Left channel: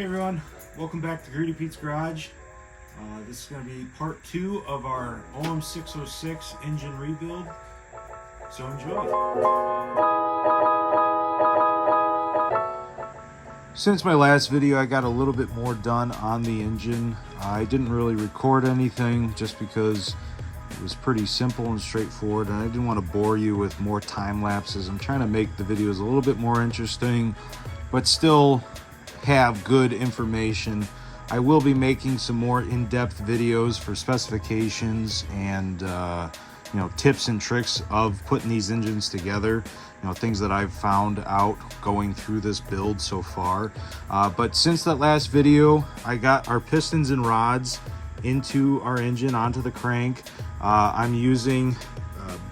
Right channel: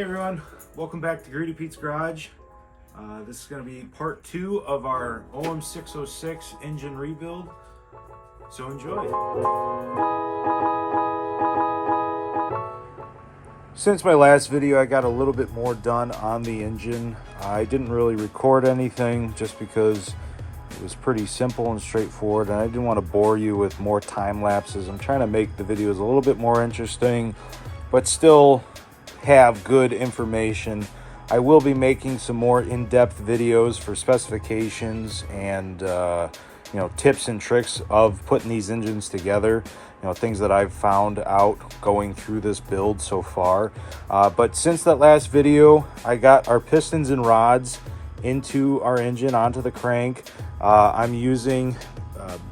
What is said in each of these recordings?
Hey everyone, welcome back to Greedy Pete's Garage. This is going to be part 2 of our OM606 engine rebuild, so enjoy. Since my last video, I got a little bit more done on the engine. I didn't really record anything just because it was pretty simple and straightforward, and I didn't want to bore you with more time lapses. I'm trying to make the videos a little bit more interesting, but still have good information. I will be making some more in-depth videos for specifications and tips and tricks of putting these engines together, things that I've found out going through this build so far. But since that last video, I got our pistons and rods into our engine onto the crank. I'm using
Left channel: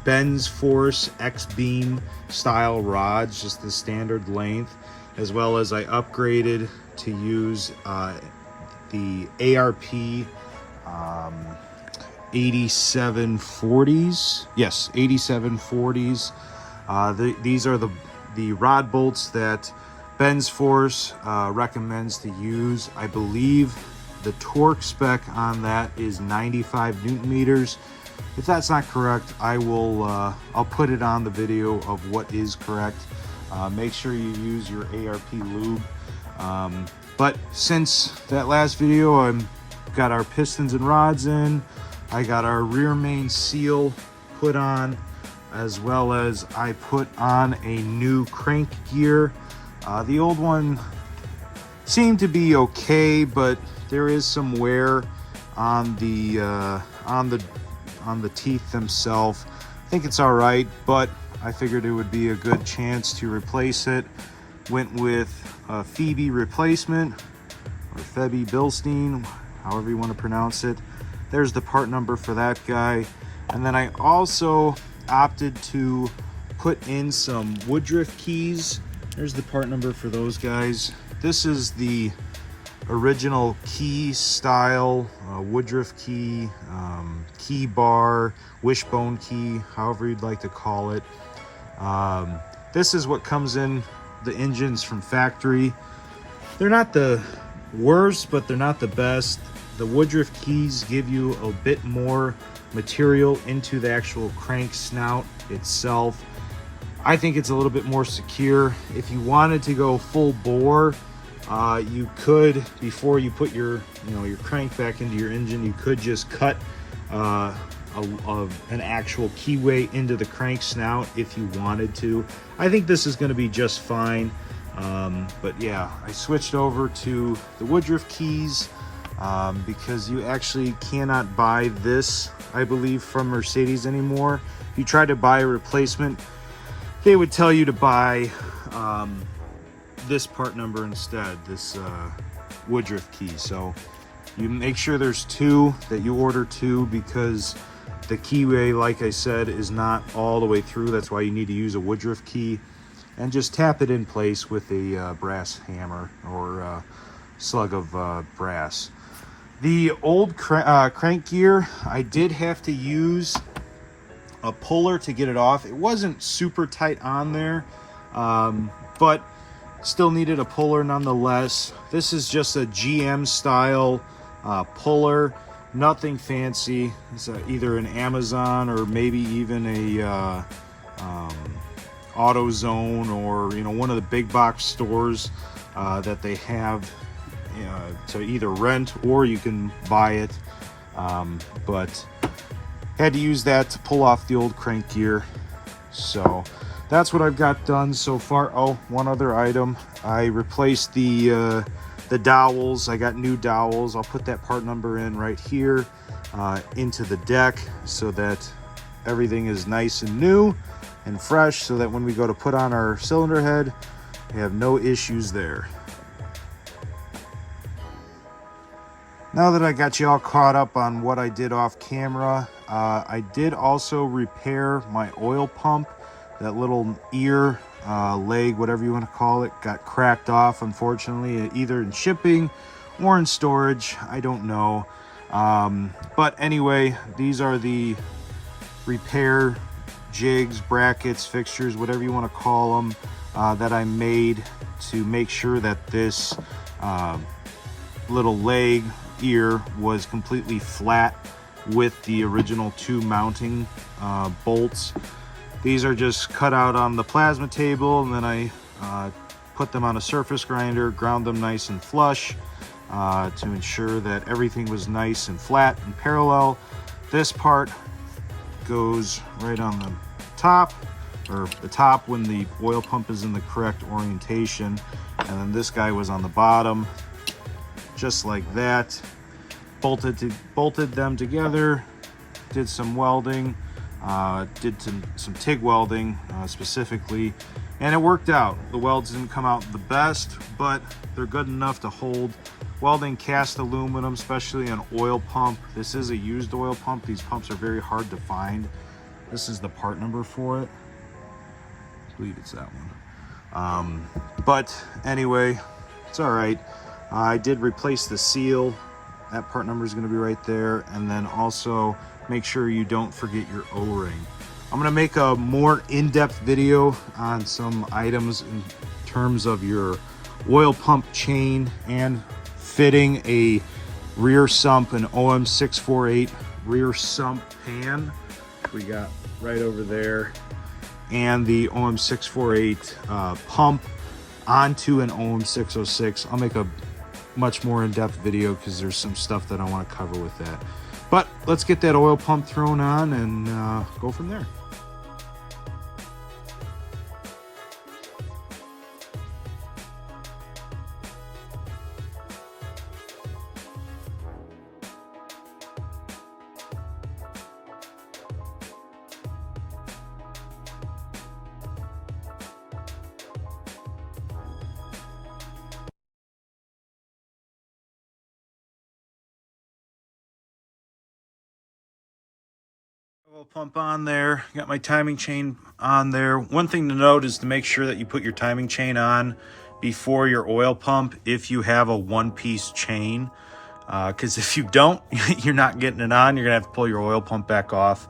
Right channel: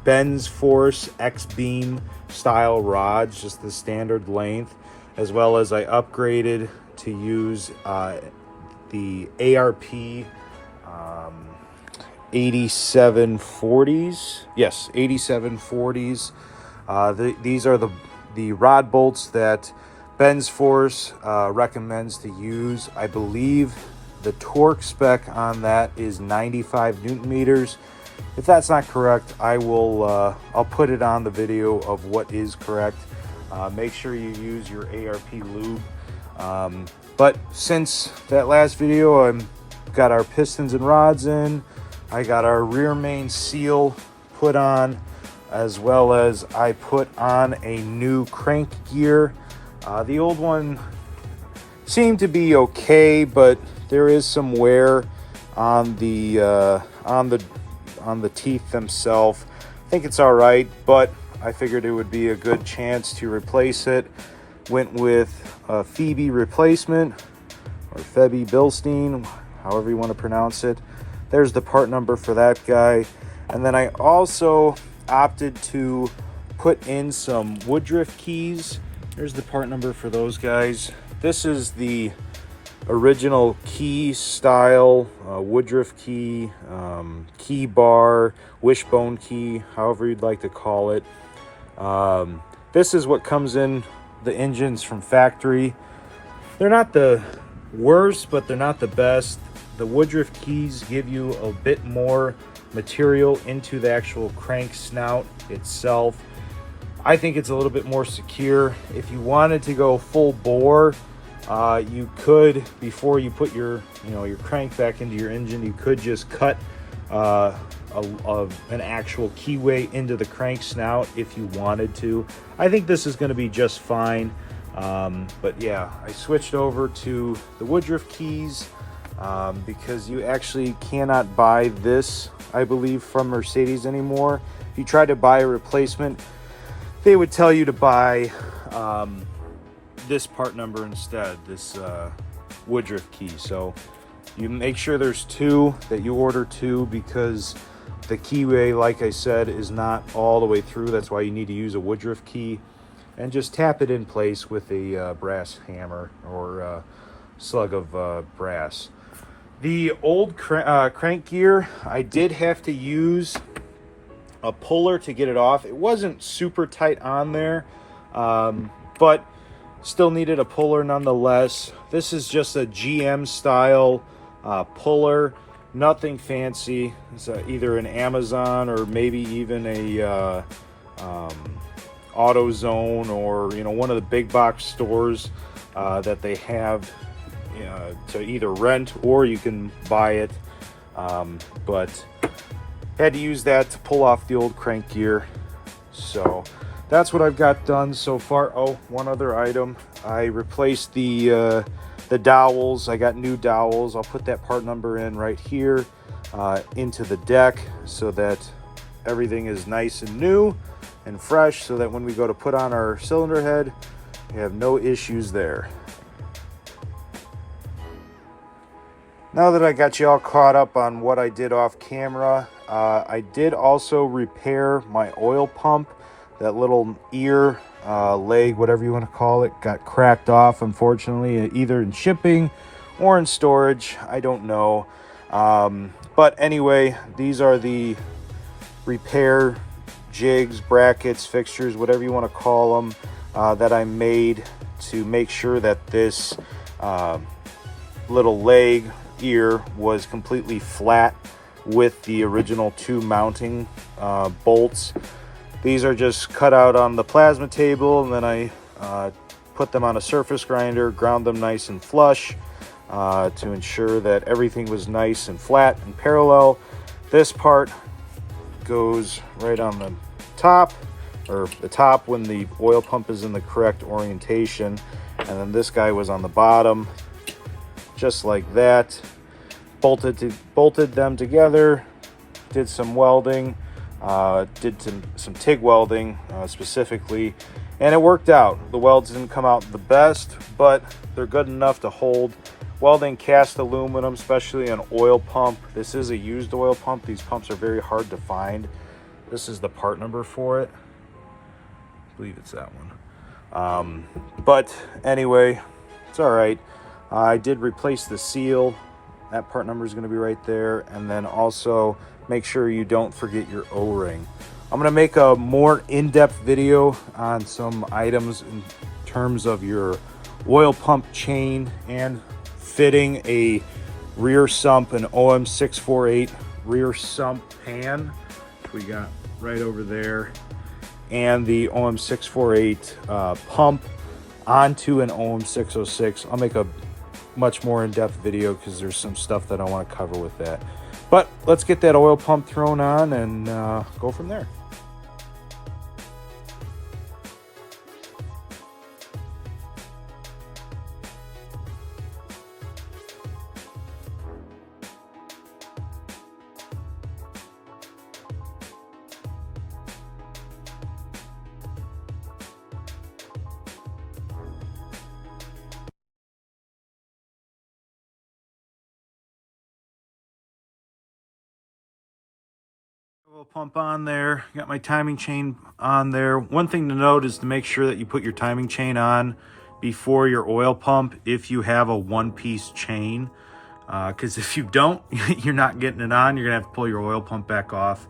Ben's Force X-Beam style rods, just the standard length, as well as I upgraded to use the ARP 8740s. Yes, 8740s. These are the rod bolts that Ben's Force recommends to use. I believe the torque spec on that is 95 Newton meters. If that's not correct, I'll put it on the video of what is correct. Make sure you use your ARP lube. But since that last video, I've got our pistons and rods in. I got our rear main seal put on, as well as I put on a new crank gear. The old one seemed to be okay, but there is some wear on the teeth themselves. I think it's all right, but I figured it would be a good chance to replace it. Went with a Phoebe replacement, or Febby Bilstein, however you want to pronounce it. There's the part number for that guy. And then I also opted to put in some Woodruff keys. There's the part number for those guys. This is the original key style Woodruff key, key bar, wishbone key, however you'd like to call it. This is what comes in the engines from factory. They're not the worst, but they're not the best. The Woodruff keys give you a bit more material into the actual crank snout itself. I think it's a little bit more secure. If you wanted to go full bore, you could, before you put your crank back into your engine, you could just cut an actual keyway into the crank snout if you wanted to. I think this is going to be just fine. But yeah, I switched over to the Woodruff keys because you actually cannot buy this, I believe, from Mercedes anymore. If you try to buy a replacement, they would tell you to buy this part number instead, this Woodruff key. So you make sure there's two, that you order two, because the keyway, like I said, is not all the way through. That's why you need to use a Woodruff key, and just tap it in place with a brass hammer or slug of brass. The old crank gear, I did have to use a puller to get it off. It wasn't super tight on there, but still needed a puller nonetheless. This is just a GM style puller, nothing fancy. It's either an Amazon or maybe even a AutoZone, or one of the big box stores that they have to either rent or you can buy it. But had to use that to pull off the old crank gear. So that's what I've got done so far. Oh, one other item. I replaced the dowels. I got new dowels. I'll put that part number in right here into the deck so that everything is nice and new and fresh, so that when we go to put on our cylinder head, we have no issues there. Now that I got you all caught up on what I did off camera, I did also repair my oil pump. That little ear, leg, whatever you want to call it, got cracked off, unfortunately, either in shipping or in storage. I don't know. But anyway, these are the repair jigs, brackets, fixtures, whatever you want to call them, that I made to make sure that this little leg ear was completely flat with the original 2 mounting bolts. These are just cut out on the plasma table, and then I put them on a surface grinder, ground them nice and flush to ensure that everything was nice and flat and parallel. This part goes right on the top, or the top when the oil pump is in the correct orientation, and then this guy was on the bottom, just like that. Bolted them together, did some welding, did some TIG welding specifically, and it worked out. The welds didn't come out the best, but they're good enough to hold. Welding cast aluminum, especially an oil pump. This is a used oil pump. These pumps are very hard to find. This is the part number for it. I believe it's that one. But anyway, it's all right. I did replace the seal. That part number is going to be right there. And then also make sure you don't forget your O-ring. I'm going to make a more in-depth video on some items in terms of your oil pump chain and fitting a rear sump, an OM608 rear sump pan, which we got right over there, and the OM648 pump onto an OM606. I'll make a much more in-depth video because there's some stuff that I want to cover with that. But let's get that oil pump thrown on and go from there. Oil pump on there, got my timing chain on there. One thing to note is to make sure that you put your timing chain on before your oil pump if you have a one-piece chain, because if you don't, you're not getting it on. You're gonna have to pull your oil pump back off.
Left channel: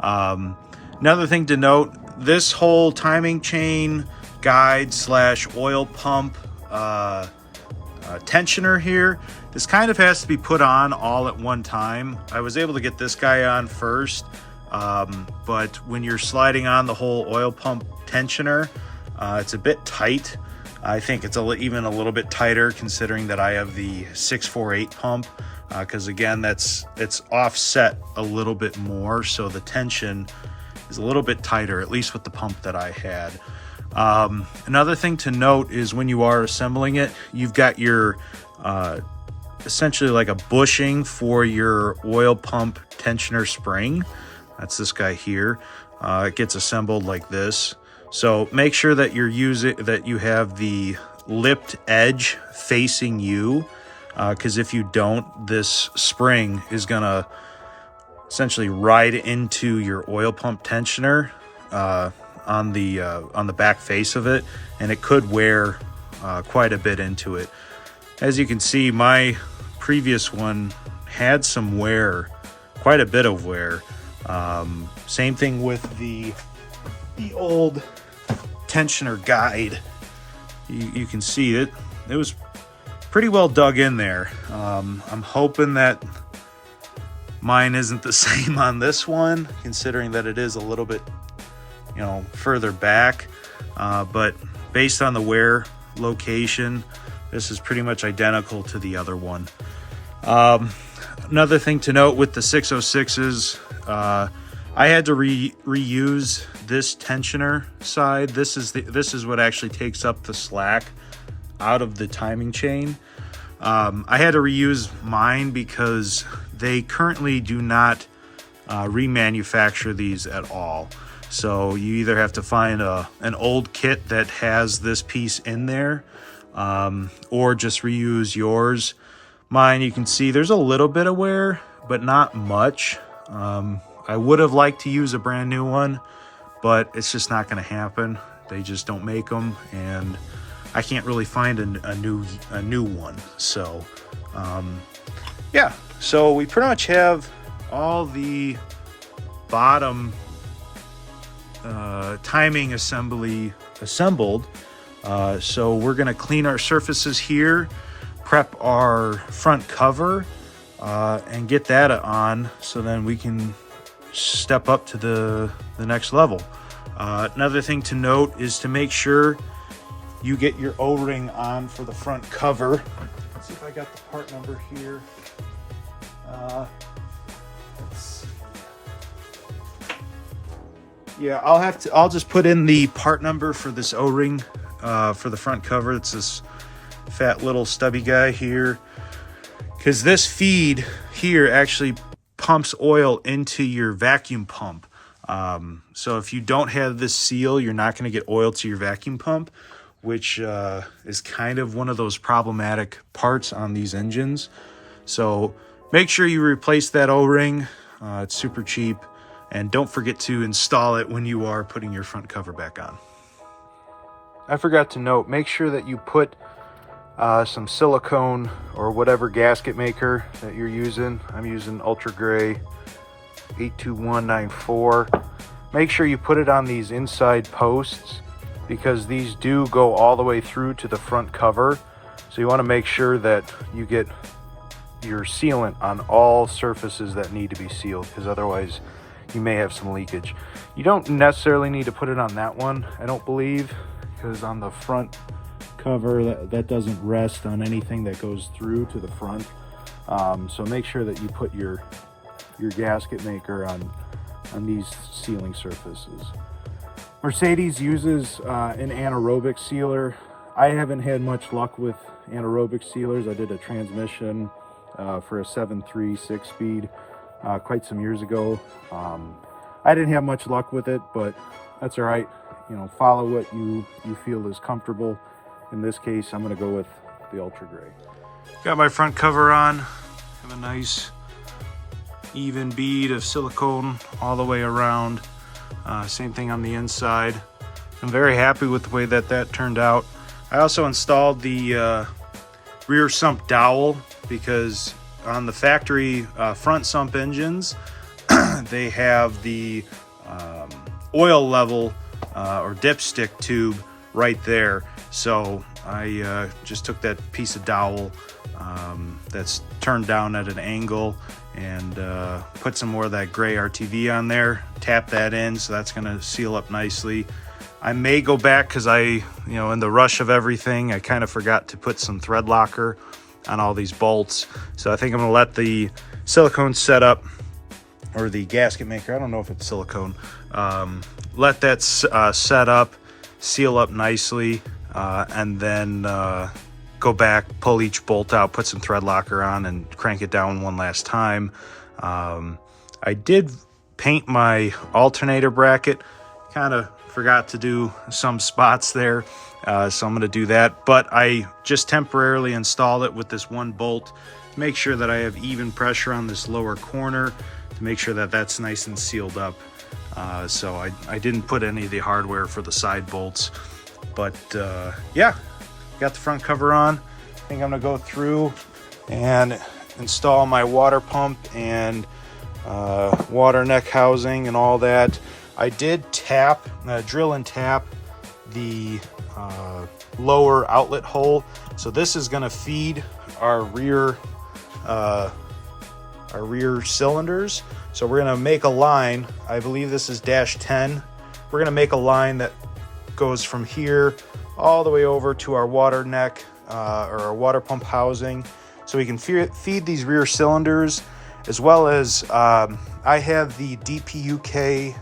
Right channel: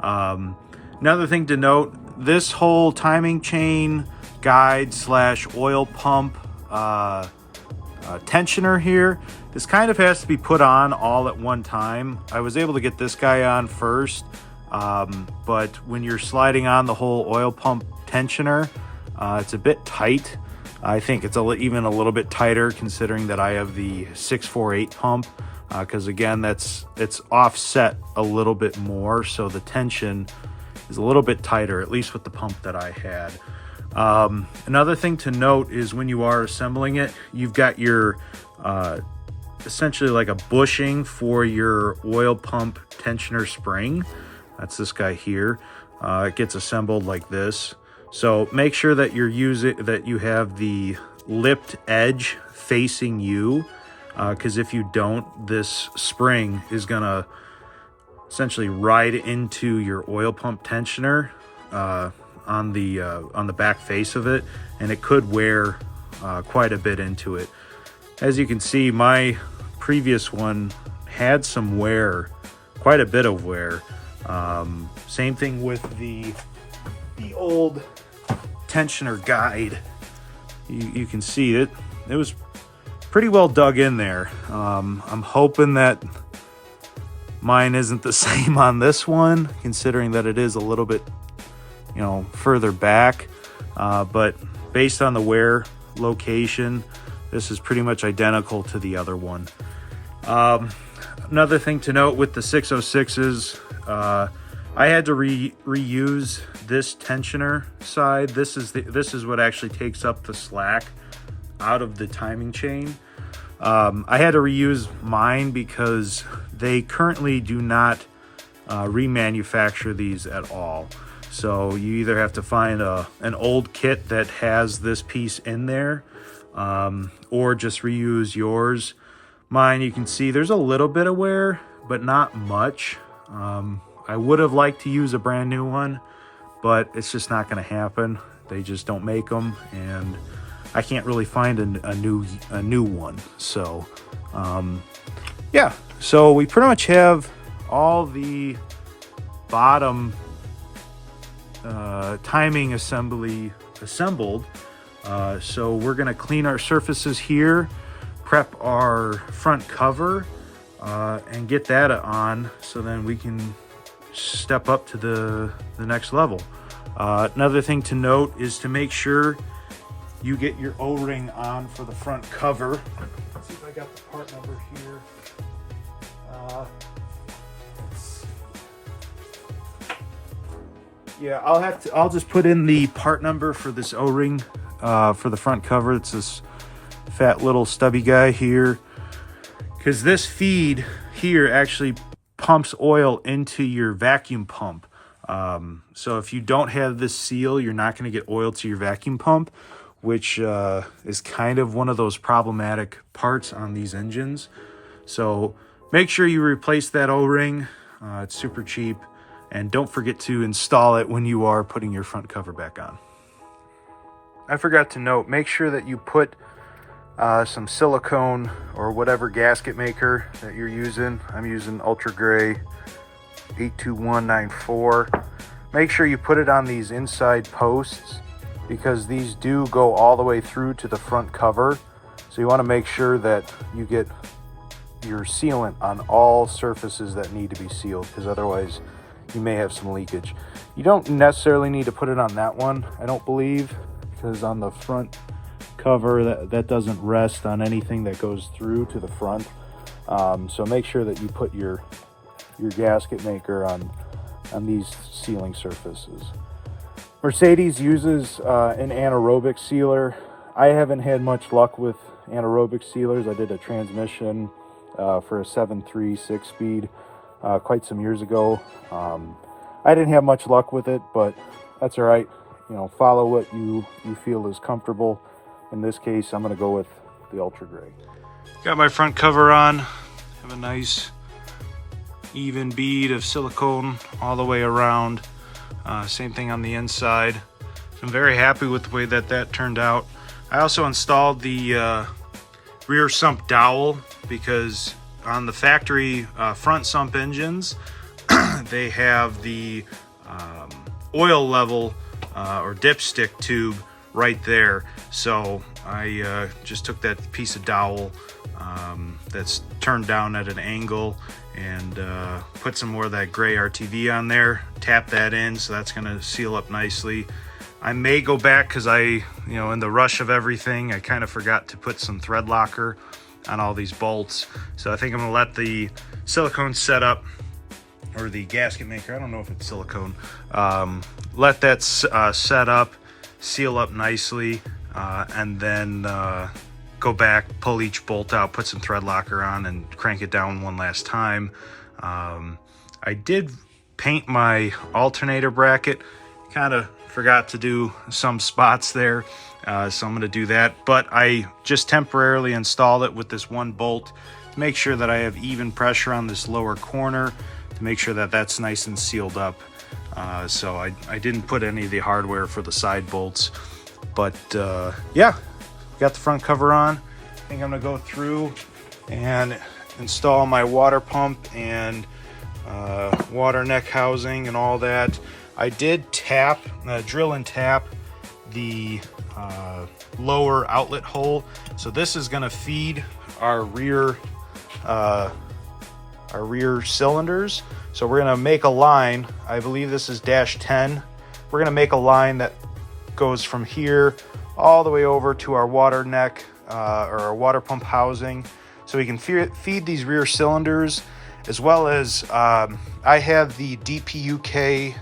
Another thing to note, this whole timing chain guide / oil pump tensioner here, this kind of has to be put on all at one time. I was able to get this guy on first, but when you're sliding on the whole oil pump tensioner, it's a bit tight. I think it's even a little bit tighter considering that I have the 648 pump, because again, it's offset a little bit more, so the tension is a little bit tighter, at least with the pump that I had. Another thing to note is when you are assembling it, you've got your essentially like a bushing for your oil pump tensioner spring. That's this guy here. It gets assembled like this. So make sure that you have the lipped edge facing you, because if you don't, this spring is gonna essentially ride into your oil pump tensioner on the back face of it, and it could wear quite a bit into it. As you can see, my previous one had some wear, quite a bit of wear. Same thing with the old tensioner guide. You can see it was pretty well dug in there. I'm hoping that mine isn't the same on this one, considering that it is a little bit, further back, but based on the wear location, this is pretty much identical to the other one. Another thing to note with the 606s, I had to reuse this tensioner side. This is what actually takes up the slack out of the timing chain. I had to reuse mine because they currently do not remanufacture these at all. So you either have to find an old kit that has this piece in there, or just reuse yours. Mine, you can see there's a little bit of wear, but not much. I would have liked to use a brand new one, but it's just not going to happen. They just don't make them, and I can't really find a new one. So yeah, so we pretty much have all the bottom timing assembly assembled. So we're going to clean our surfaces here, prep our front cover and get that on, so then we can step up to the next level. Another thing to note is to make sure you get your O-ring on for the front cover. Let's see if I got the part number here. Yeah, I'll just put in the part number for this O-ring for the front cover. It's this fat little stubby guy here, because this feed here actually pumps oil into your vacuum pump. So if you don't have this seal, you're not going to get oil to your vacuum pump, which is kind of one of those problematic parts on these engines. So make sure you replace that O-ring. It's super cheap. And don't forget to install it when you are putting your front cover back on. I forgot to note, make sure that you put some silicone or whatever gasket maker that you're using. I'm using Ultra Gray 82194. Make sure you put it on these inside posts, because these do go all the way through to the front cover. So you want to make sure that you get your sealant on all surfaces that need to be sealed, because otherwise you may have some leakage. You don't necessarily need to put it on that one, I don't believe, because on the front cover that doesn't rest on anything that goes through to the front. So make sure that you put your gasket maker on these sealing surfaces. Mercedes uses an anaerobic sealer. I haven't had much luck with anaerobic sealers. I did a transmission for a 7.3 6-speed quite some years ago. I didn't have much luck with it, but that's all right. You know, follow what you feel is comfortable. In this case, I'm going to go with the Ultra Gray. Got my front cover on. Have a nice even bead of silicone all the way around. Same thing on the inside. I'm very happy with the way that turned out. I also installed the rear sump dowel, because on the factory front sump engines, they have the oil level or dipstick tube right there. So I just took that piece of dowel that's turned down at an angle and put some more of that gray RTV on there, tap that in, so that's going to seal up nicely. I may go back, because in the rush of everything, I kind of forgot to put some thread locker on all these bolts. So I think I'm going to let the silicone set up, or the gasket maker, I don't know if it's silicone, let that set up, seal up nicely, and then go back, pull each bolt out, put some thread locker on, and crank it down one last time. I did paint my alternator bracket, kind of forgot to do some spots there, so I'm going to do that. But I just temporarily installed it with this one bolt to make sure that I have even pressure on this lower corner, to make sure that that's nice and sealed up. So I didn't put any of the hardware for the side bolts. But yeah, got the front cover on. I think I'm going to go through and install my water pump and water neck housing and all that. I did drill and tap the lower outlet hole. So this is going to feed our rear cylinders. So we're going to make a line. I believe this is -10. We're going to make a line that goes from here all the way over to our water neck or our water pump housing, so we can feed these rear cylinders, as well as I have the DPUK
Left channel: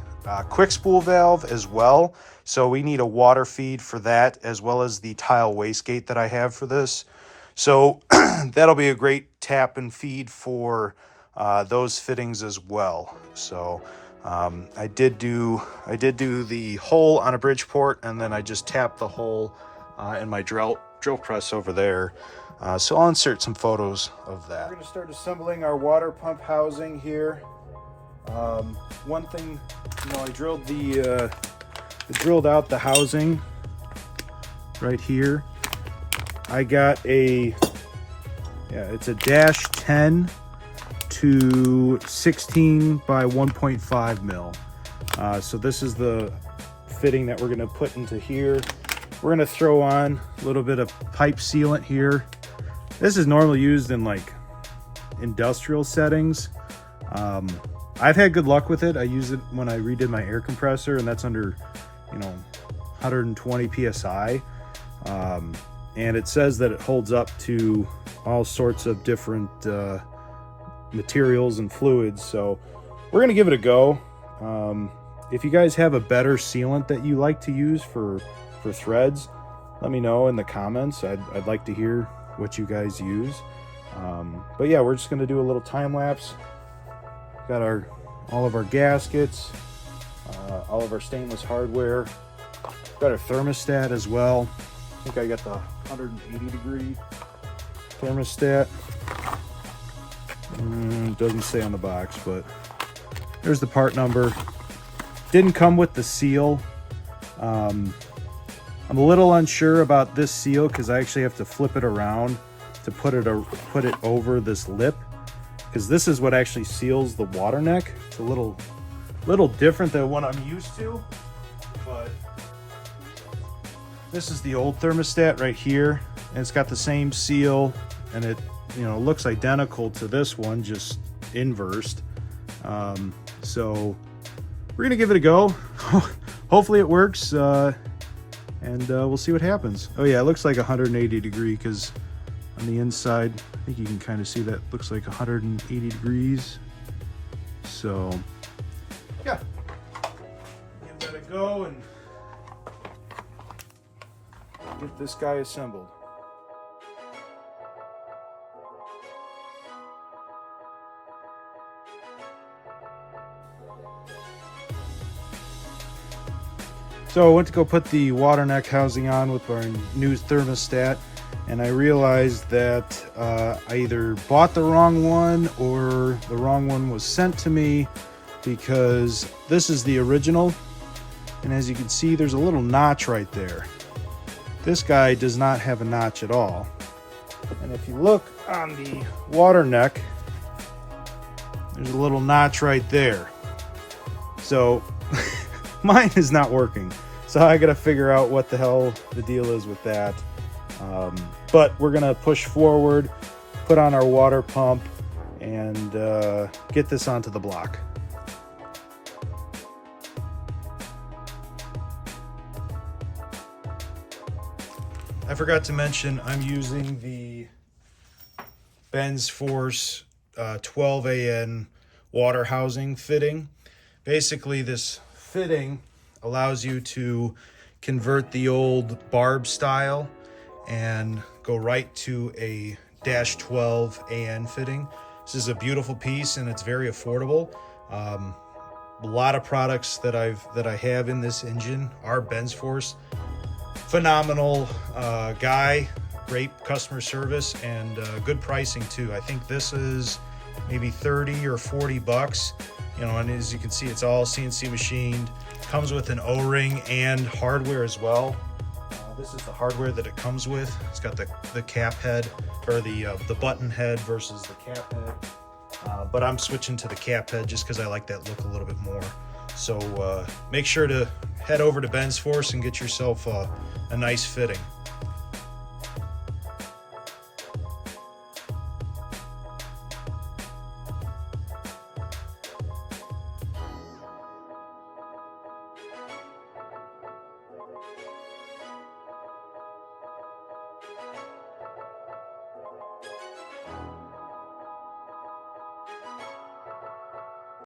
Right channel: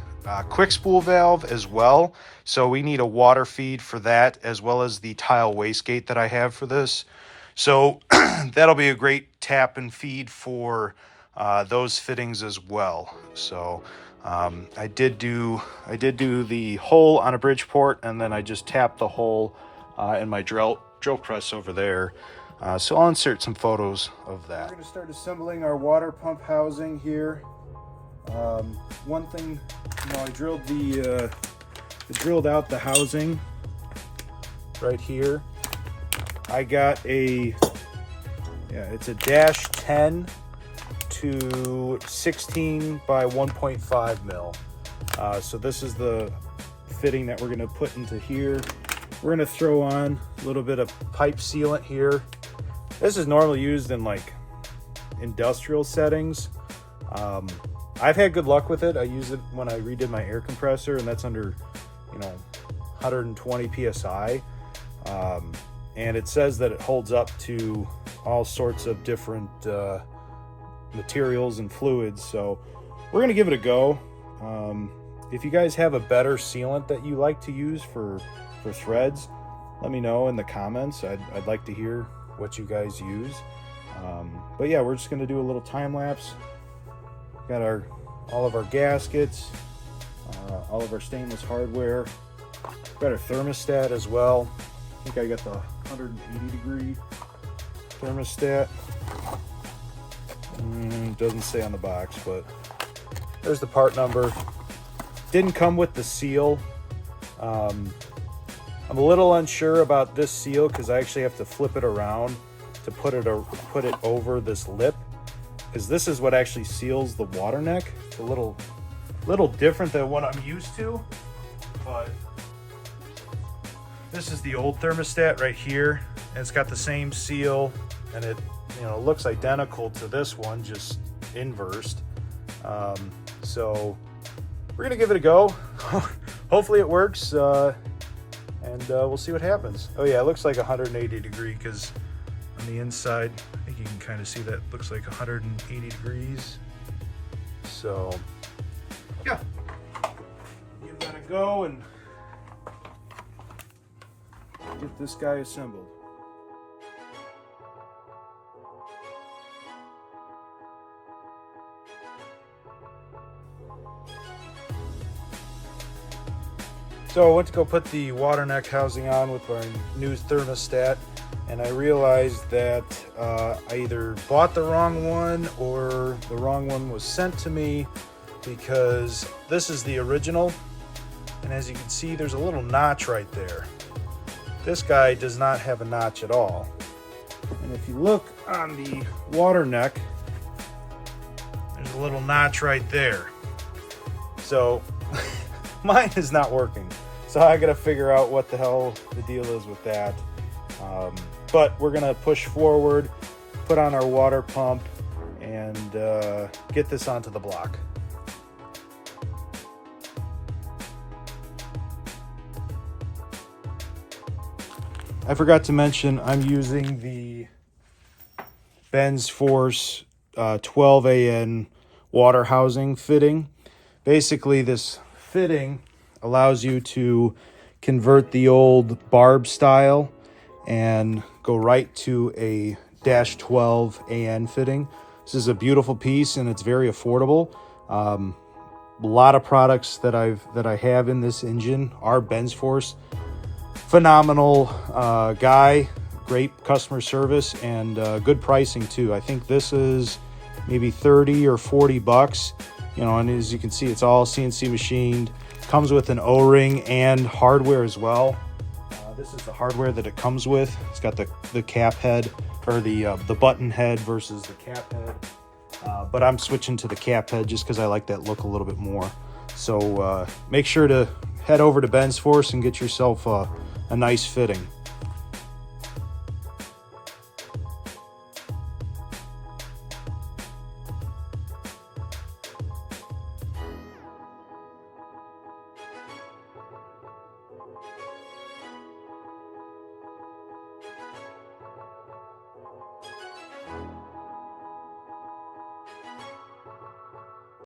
quick spool valve as well. So we need a water feed for that, as well as the tile wastegate that I have for this. So that'll be a great tap and feed for those fittings as well. So I did do the hole on a Bridgeport, and then I just tapped the hole in my drill press over there. So I'll insert some photos of that. We're going to start assembling our water pump housing here. One thing, I drilled out the housing right here. I got it's a -10 to 16 by 1.5 mil. So this is the fitting that we're going to put into here. We're going to throw on a little bit of pipe sealant here This is normally used in like industrial settings. I've had good luck with it. I use it when I redid my air compressor, and that's under, 120 psi. And it says that it holds up to all sorts of different materials and fluids. So we're gonna give it a go. If you guys have a better sealant that you like to use for threads, let me know in the comments. I'd like to hear what you guys use. But yeah, we're just gonna do a little time lapse. Got all of our gaskets, all of our stainless hardware. Got our thermostat as well. I think I got the 180 degree thermostat. Doesn't say on the box, but there's the part number. Didn't come with the seal. I'm a little unsure about this seal because I actually have to flip it around to put it over this lip, because this is what actually seals the water neck. It's a little different than what I'm used to, but this is the old thermostat right here, and it's got the same seal, and it looks identical to this one, just inversed. So we're gonna give it a go. Hopefully it works, and we'll see what happens. Oh yeah, it looks like 180 degree, because on the inside, I think you can kind of see that looks like 180 degrees. So yeah, give that a go and get this guy assembled. So I went to go put the water neck housing on with our new thermostat, and I realized that I either bought the wrong one or the wrong one was sent to me, because this is the original, and as you can see, there's a little notch right there. This guy does not have a notch at all. And if you look on the water neck, there's a little notch right there. So mine is not working. So I gotta figure out what the hell the deal is with that. But we're gonna push forward, put on our water pump, and get this onto the block. I forgot to mention I'm using the Ben's Force 12AN water housing fitting. Basically, this fitting allows you to convert the old barb style and go right to a -12 AN fitting. This is a beautiful piece, and it's very affordable. A lot of products that I have in this engine are Ben's Force. Phenomenal guy, great customer service, and good pricing too. I think this is maybe 30 or 40 bucks. And as you can see, it's all CNC machined. Comes with an O-ring and hardware as well. This is the hardware that it comes with. It's got the cap head, or the button head versus the cap head. But I'm switching to the cap head just because I like that look a little bit more. So make sure to head over to Ben's Force and get yourself a nice fitting.